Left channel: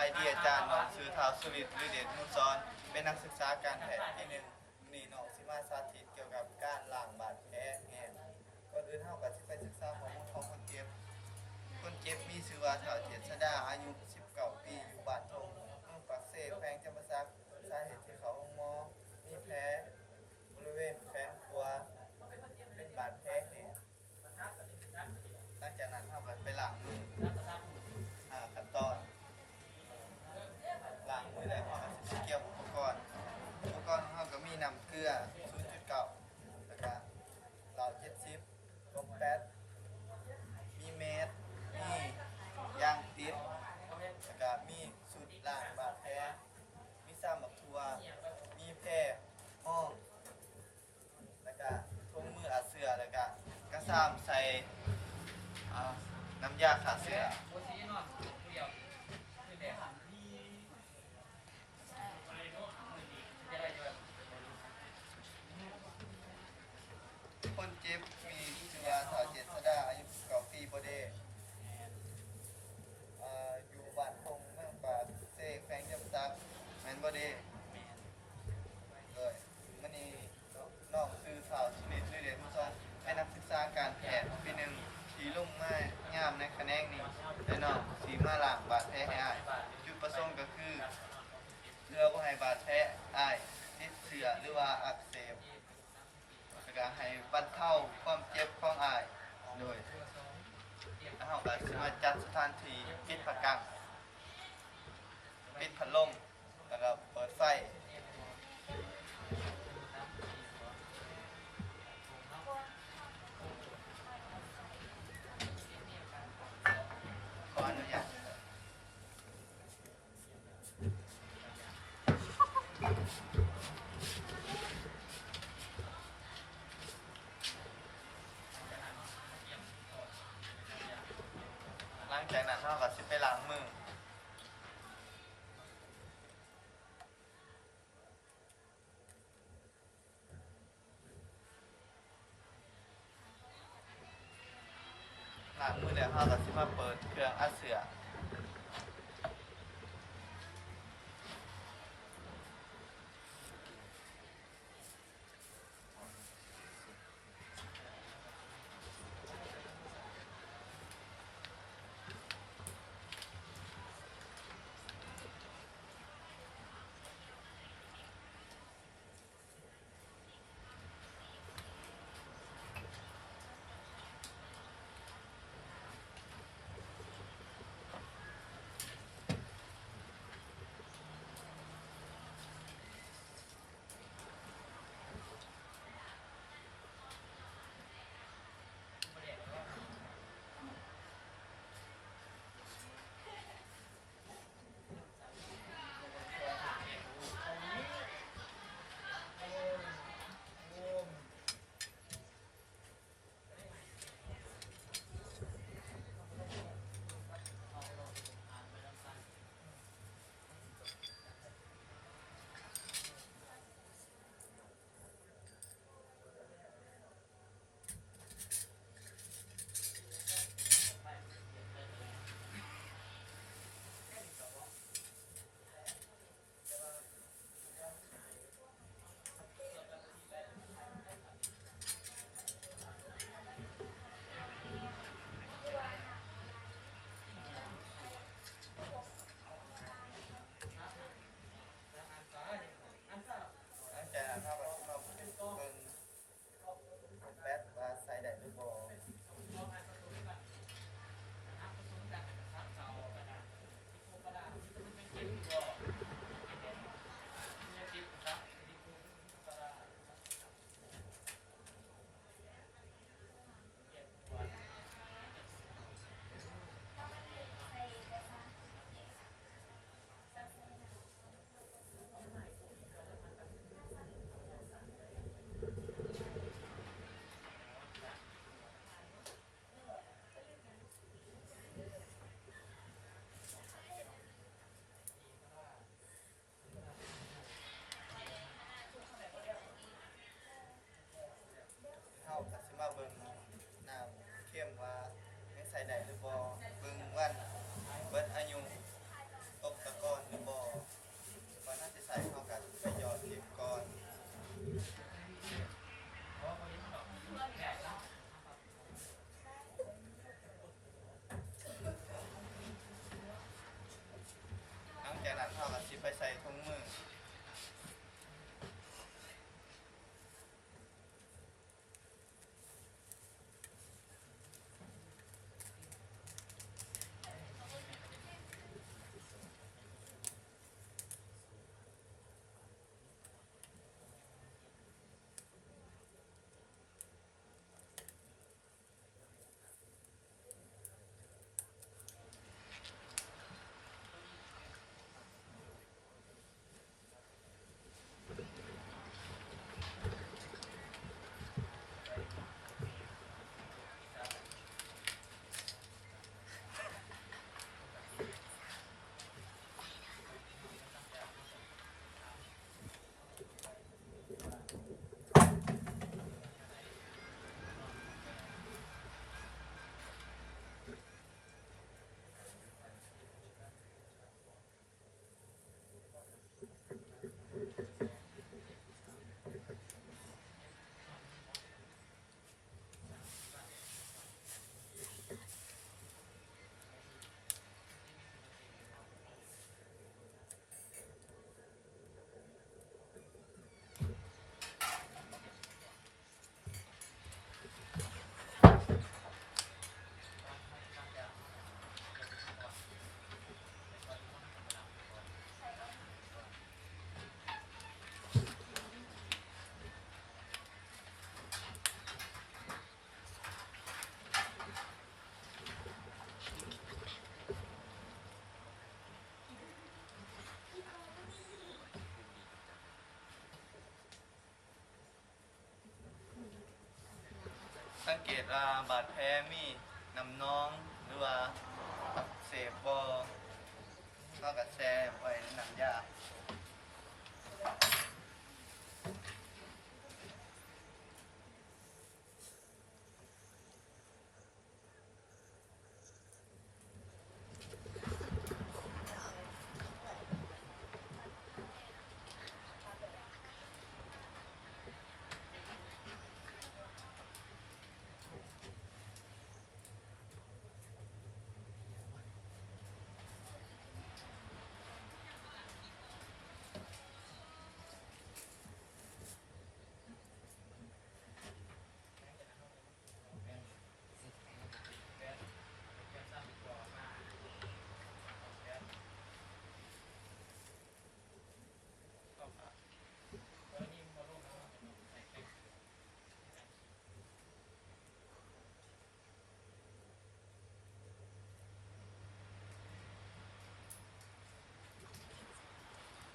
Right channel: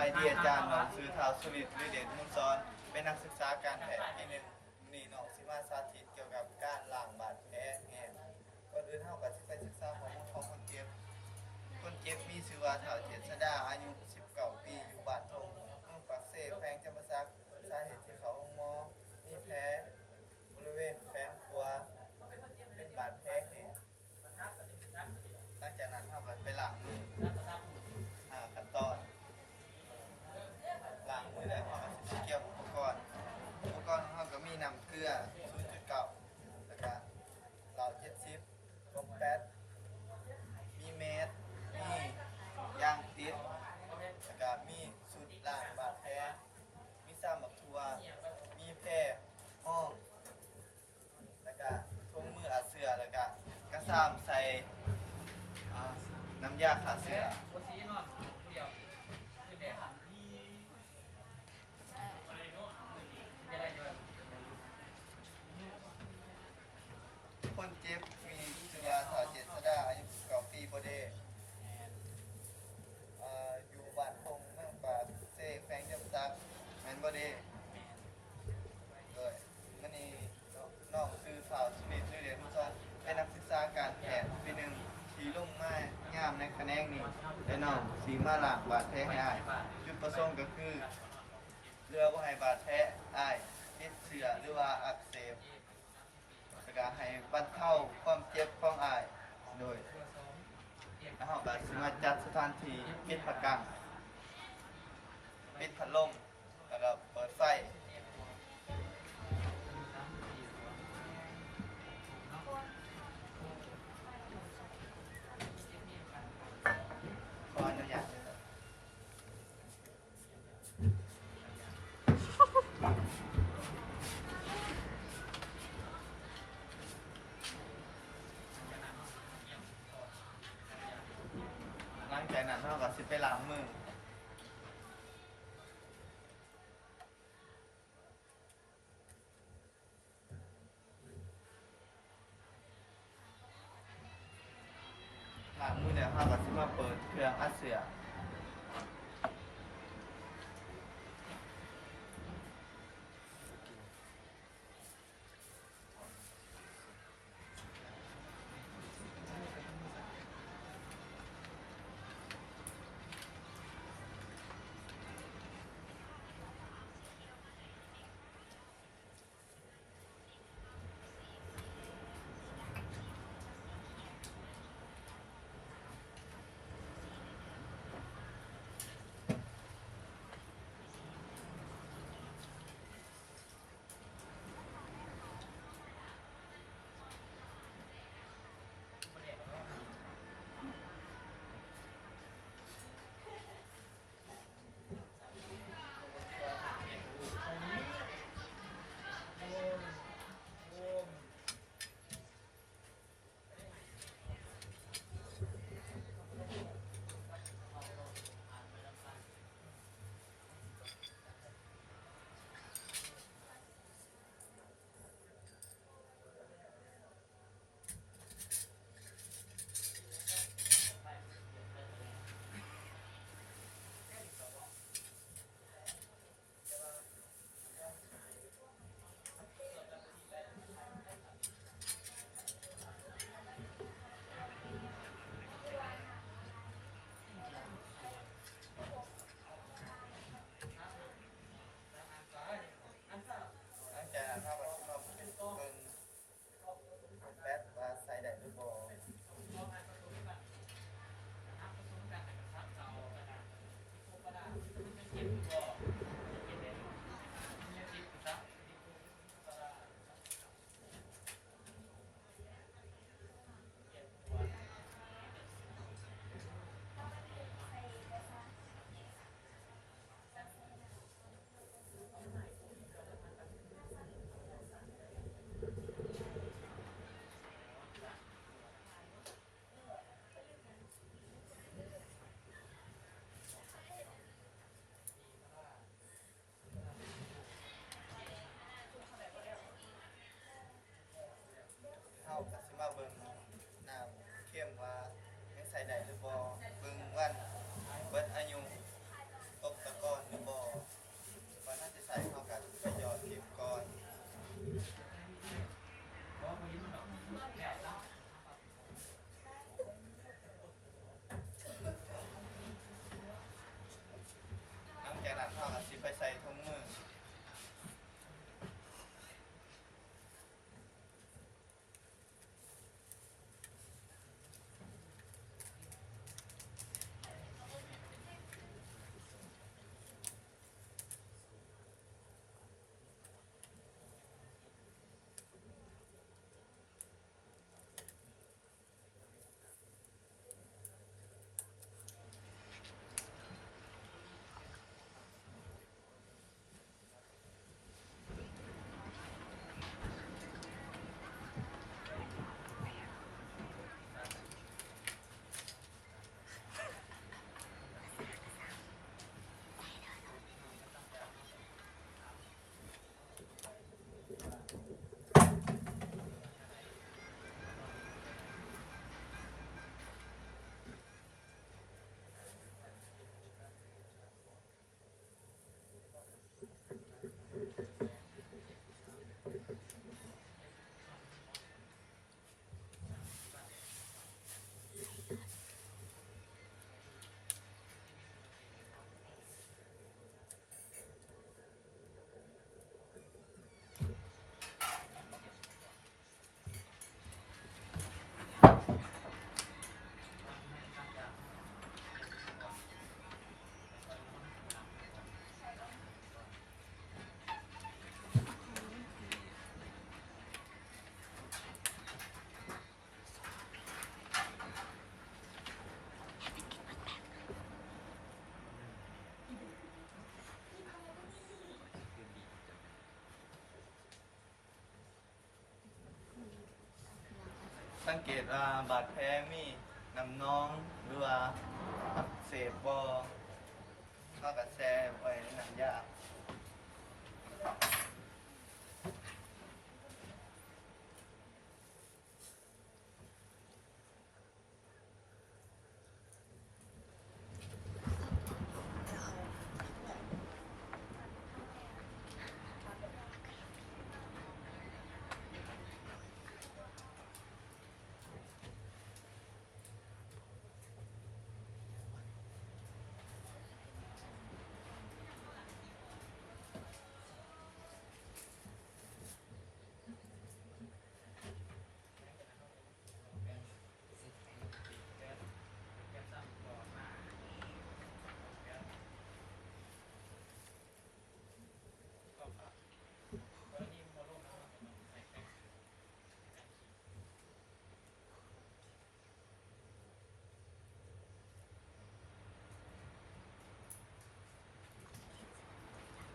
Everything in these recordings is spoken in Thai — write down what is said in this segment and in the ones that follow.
ายดีอาจารย์น้องซื้อท้าวสวิตวิเดียนมุซอนเป็นนักศึกษาการแพทย์ที่หนึ่งมีน้องสิมาสาธิตเกี่ยวกับการล้างบาดแผลแผลก่อนอื่นเท่ากับที่ไปศึกษาข้อมูลของคนเจ็บมีชื่อว่าเฒ่าเจษฎาอายุ19ปีอยู่บ้านทงเมืองปากเสแขวงจำปาสักสาเหตุที่เขาลงหมอมีแผลบริเวณแขนขวาเป็นบาดแผลแผลหลังจากนั้นเท่ากับไปล้างมือขั้นตอนล้างมือแล้วเราจะเกี่ยวอุปกรณ์เราก็มีน้ำเกลือ0.9แล้วก็เหล้า70ลมแป๊ดมีเมสมียางติดแล้วก็มีสูตรล้างบาดแผลมีซ้ำบักทัวมีแพร่ห้องแล้วก็ถุงมืออาเสือแล้วก็กระซ้ำใส่น้ำยาฆ่าเชื้อคนเจ็บมีชื่อว่าเฒ่าเจษฎาอายุ19ปีบ่ได้อยู่บ้านทงเมืองปากเสแขวงจำปาสักแม่นบ่ได้มื้อนี้น้องคือเฒ่าสุนิตเรียนมุซอนเป็นนักศึกษาการแพทย์ปีหนึ่งที่ลงมายามในแขนงนี้และน้องสีมาล้างบาดแผลให้อ้ายจุดประสงค์ก็คือเพื่อบ่ให้บาดแผลอ้ายติดเชื้อหรือว่าอักเสบแล้วก็ให้บรรเทาความเจ็บของอ้ายโดยแล้วเราก็สิมาจัดสถานที่ปิดผ้ากังปิดพัดลมแล้วก็เปิดไฟขออนุญาตหลังจากนั้นเราก็สิไปล้างมือล้างมือแล้วเราก็สิมาเปิดเครื่องอัดเสียง สังเกตว่าบาดแผลมีน้ำนองหรือว่าอักเสบบก็กระแสไว้ในน้ำยา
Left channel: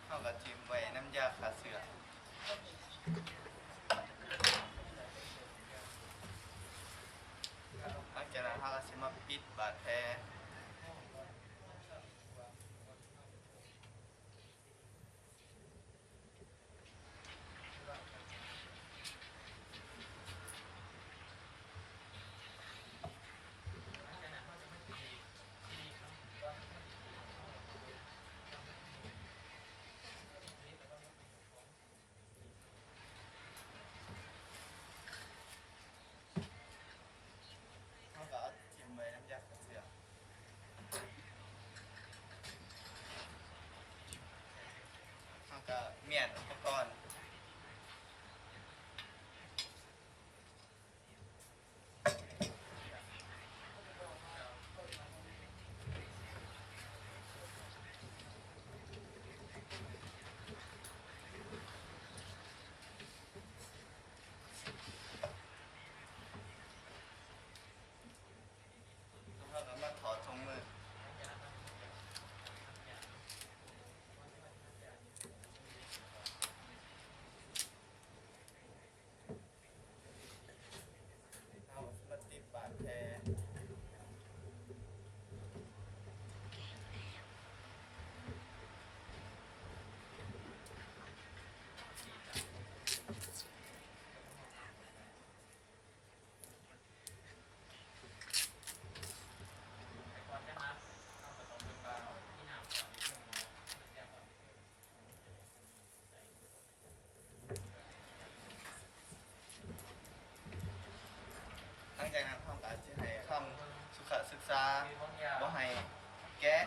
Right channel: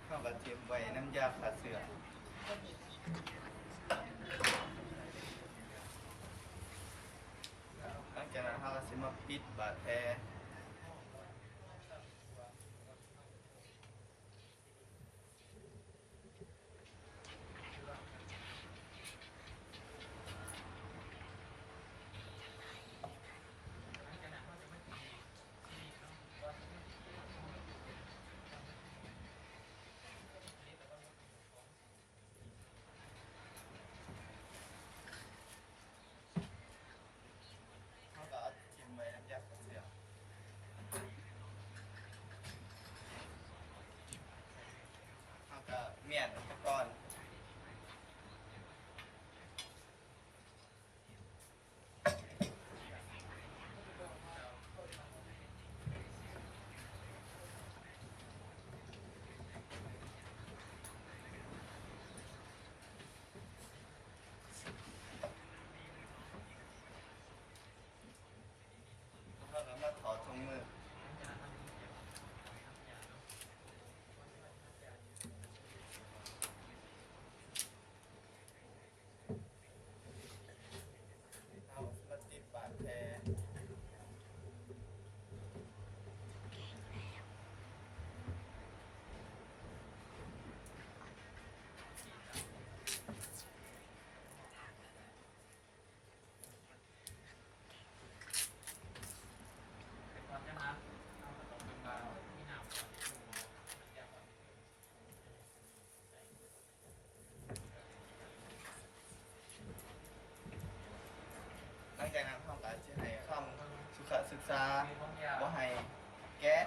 เข้ากับเทียมไว้น้ำยาขาเสือหลังจากนั้นเขาก็จะมาปิดบาดแผลเขาก็เอาเทียมไว้น้ำยาขาเสือเขาก็เมียนอุปกรณ์แล้วก็มาถอดถุงมือ เอาติดบาดแผลหลังจากนั้นเขาก็จะให้คำสุขศึกษาบ่ให้แกะ